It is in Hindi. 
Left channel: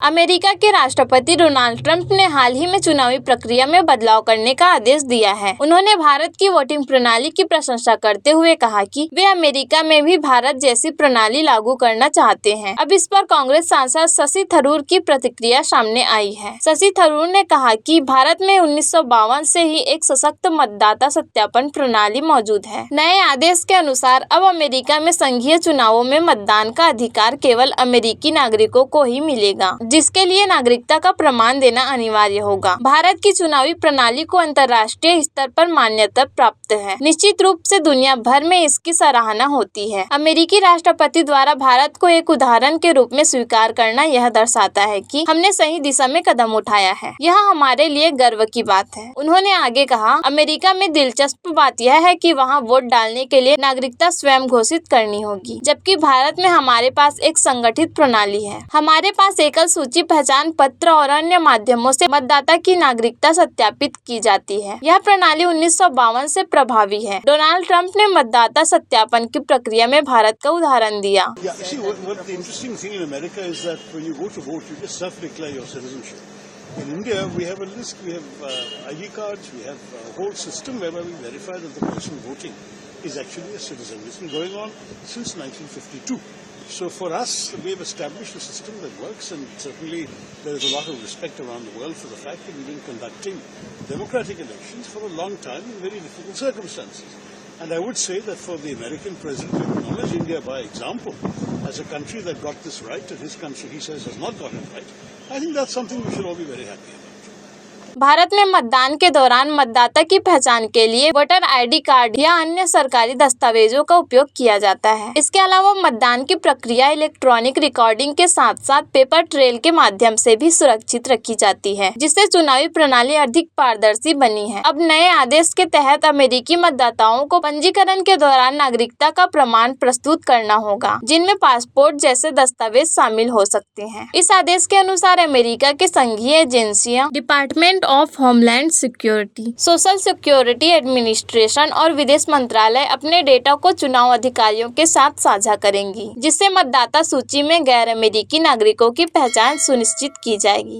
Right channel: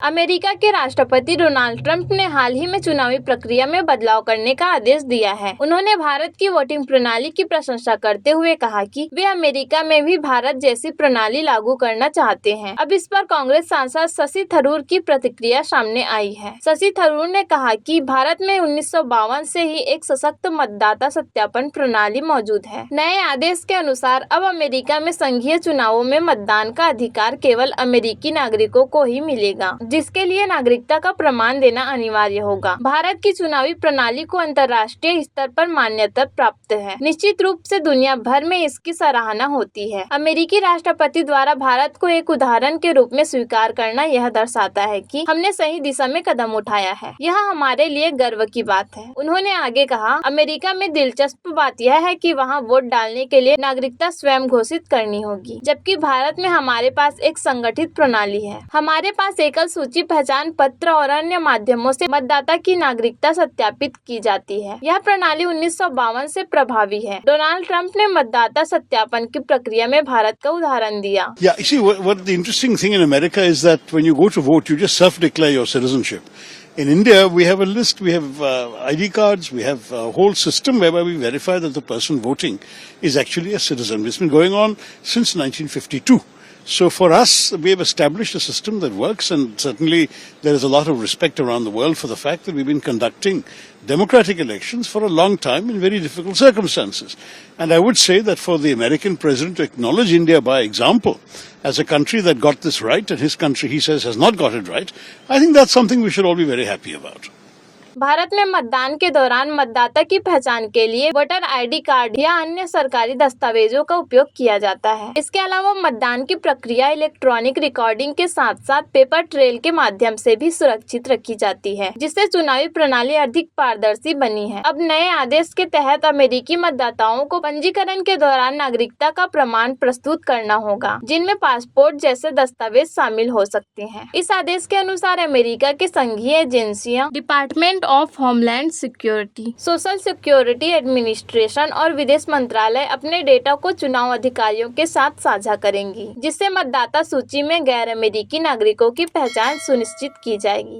अमेरिका के राष्ट्रपति डोनाल्ड ट्रंप ने हाल ही में चुनावी प्रक्रिया में बदलाव करने का आदेश दिया है। उन्होंने भारत की वोटिंग प्रणाली की प्रशंसा करते हुए कहा कि वे अमेरिका में भी भारत जैसी प्रणाली लागू करना चाहते हैं। अब इस पर कांग्रेस सांसद शशि थरूर की प्रतिक्रिया सामने आई है। शशि थरूर ने कहा कि भारत में 1952 से ही एक सशक्त मतदाता सत्यापन प्रणाली मौजूद है। नए आदेश के अनुसार अब अमेरिका में संघीय चुनावों में मतदान का अधिकार केवल अमेरिकी नागरिकों को ही मिलेगा, जिसके लिए नागरिकता का प्रमाण देना अनिवार्य होगा। भारत की चुनावी प्रणाली को अंतर्राष्ट्रीय स्तर पर मान्यता प्राप्त है। निश्चित रूप से दुनिया भर में इसकी सराहना होती है। अमेरिकी राष्ट्रपति द्वारा भारत को एक उदाहरण के रूप में स्वीकार करना यह दर्शाता है कि हमने सही दिशा में कदम उठाया है। यह हमारे लिए गर्व की बात है। उन्होंने आगे कहा, अमेरिका में दिलचस्प बात यह है कि वहाँ वोट डालने के लिए नागरिकता स्वयं घोषित करनी होगी, जबकि भारत में हमारे पास एक संगठित प्रणाली है। हमारे पास एकल सूची, पहचान पत्र और अन्य माध्यमों से मतदाता की नागरिकता सत्यापित की जाती है। यह प्रणाली 1952 से प्रभावी है। डोनाल्ड ट्रंप ने मतदाता सत्यापन की प्रक्रिया में भारत का उदाहरण दिया। Yeah, you see, what the interesting thing in America is that when you go to vote, you just self-declare your citizenship. In India, we have a list, we have ID cards, we have a whole system whereby we verify that the person voting is actually a citizen. It's been going on since 1952. So for us, we have established a system that works, and certainly there is a lot of respect around the world for the fact that we've been conducting democratic elections for a long time in very difficult circumstances. And I would say that for the American president to acknowledge India by example as a country that got this right, and his country, he says, has not got it right, I think that's something we should all be very happy about. Bharat में मतदान के दौरान मतदाता की पहचान के लिए वोटर आईडी कार्ड या अन्य सरकारी दस्तावेजों का उपयोग किया जाता है। इसके अलावा मतदान की प्रक्रिया इलेक्ट्रॉनिक रिकॉर्डिंग के साथ साथ पेपर ट्रेल के माध्यम से भी सुरक्षित रखी जाती है, जिससे चुनावी प्रणाली अधिक पारदर्शी बनी है। अब नए आदेश के तहत अमेरिकी मतदाताओं को पंजीकरण के दौरान नागरिकता का प्रमाण प्रस्तुत करना होगा, जिनमें पासपोर्ट जैसे दस्तावेज शामिल हो सकते हैं। इस आदेश के अनुसार अमेरिका के संघीय एजेंसियां, department of homeland security, social security administration और विदेश मंत्रालय अपने डेटा को चुनाव अधिकारियों के साथ साझा करेंगी, जिससे मतदाता सूची में गैर अमेरिकी नागरिकों की पहचान सुनिश्चित की जाएगी।